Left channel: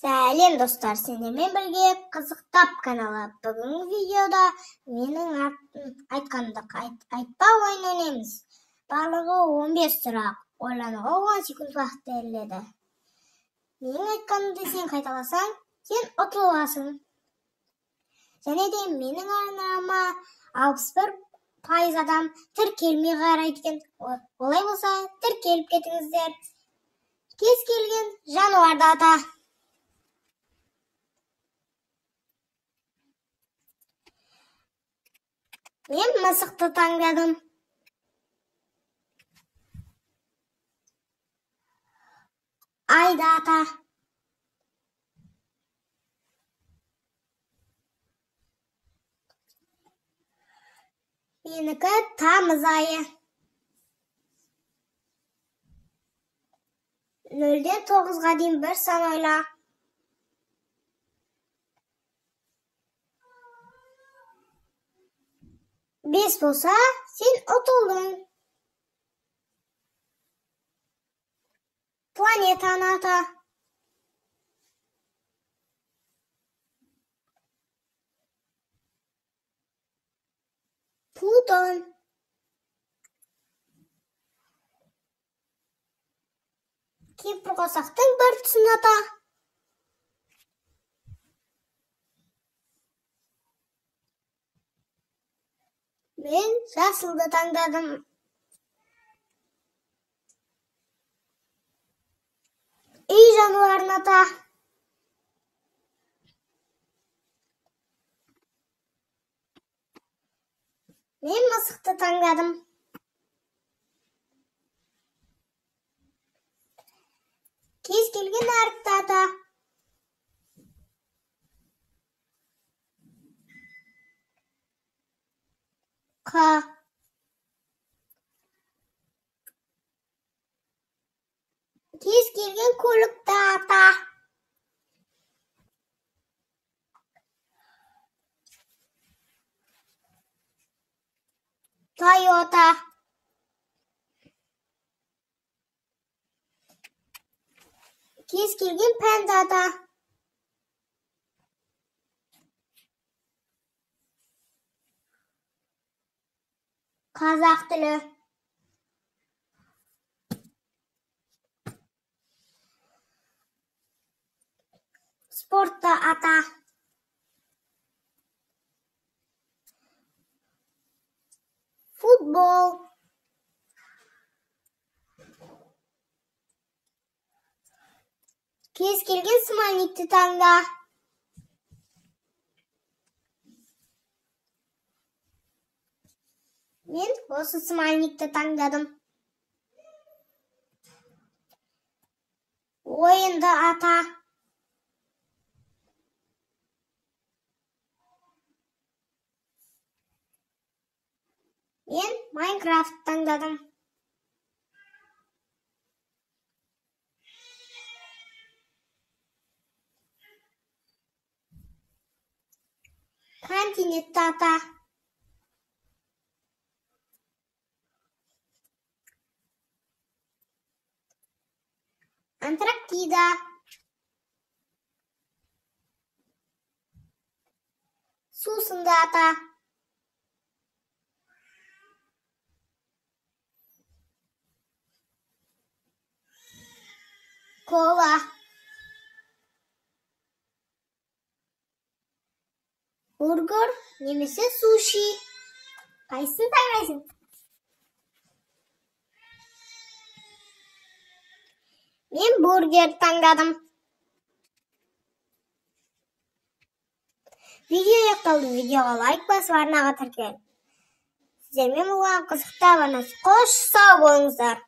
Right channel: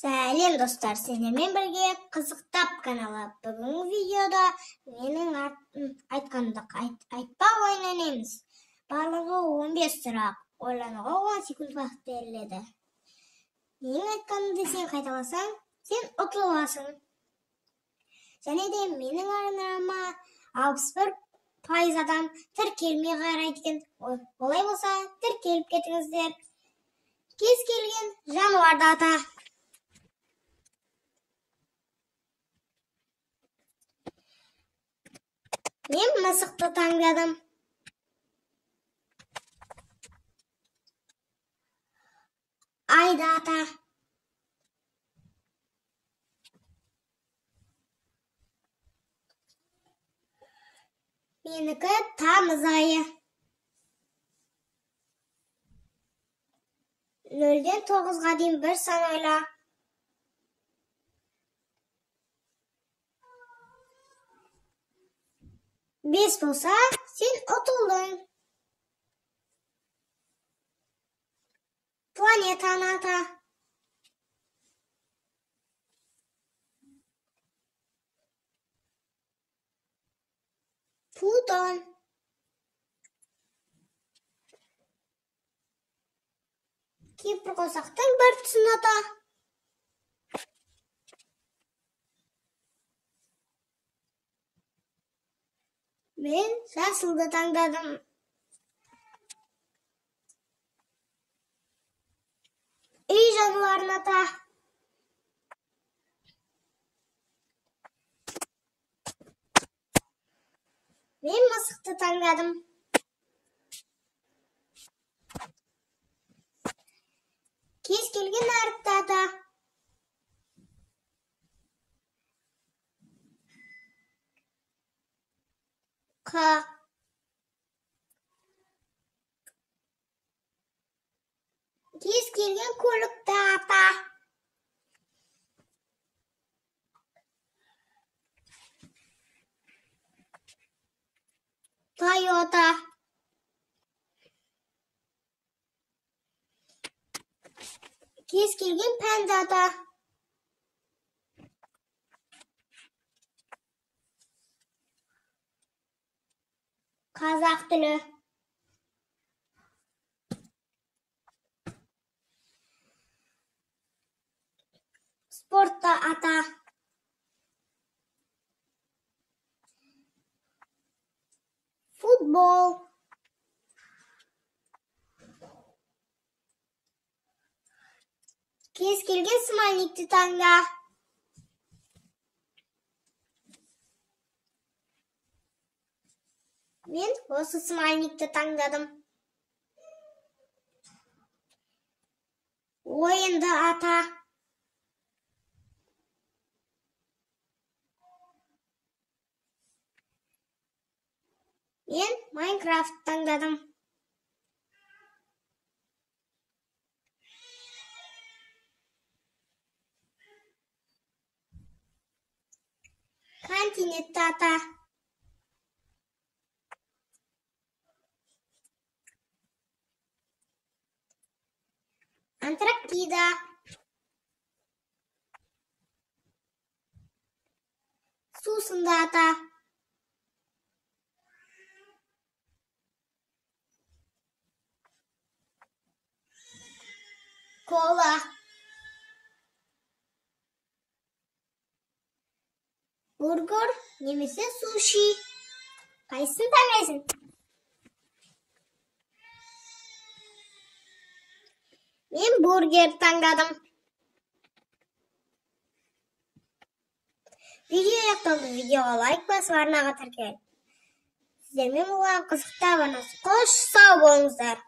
Сәлем достар, сендермен бірге қызықтап каналы. Бүгінгі видеода менің айтқандық айтпа ойын ойнаймыз. Барлығы 15 сұрақ, ойлануға 10 секунд уақыт беріледі. Менің айтқанымды сен қайталасаң, сен ұтыласың. Және де менің арнама 61% адам тіркелмей қарайды екен. Олай болса, тіркеліп кетіңіздер. Кез келген жануарды ата. Мен мысықты таңдадым. Айды ата. Менікі тамыз айы. 0-ден 9-ға дейін бір сан ойла. 5 болса, сен ұтылдың. Планетаны ата. Плутон. Кемпір қосақтың бір тұсын ата. Мен жасылды таңдадым. Үй жануарын ата. Мен мысықты таңдадым. Кез келген әріпті ата. Қ. Кез келген көлікті ата. Тойота. Кез келген пәнді ата. Қазақ тілі. Спортты ата. Футбол. Кез келген смайликті таңда. Мен осы смайликті таңдадым. Ойынды ата. Мен Майнкрафт таңдадым. Континентті ата. Антарктида. Сусынды ата. Кола. Бургер немесе суши. Қайсысын таңдайсың? Мен бургер таңдадым. Видео аяқталды. Видеоға лайк басып арнаға тіркел. Сіздермен болған қызықты абонасы. Қош сау болыңыздар.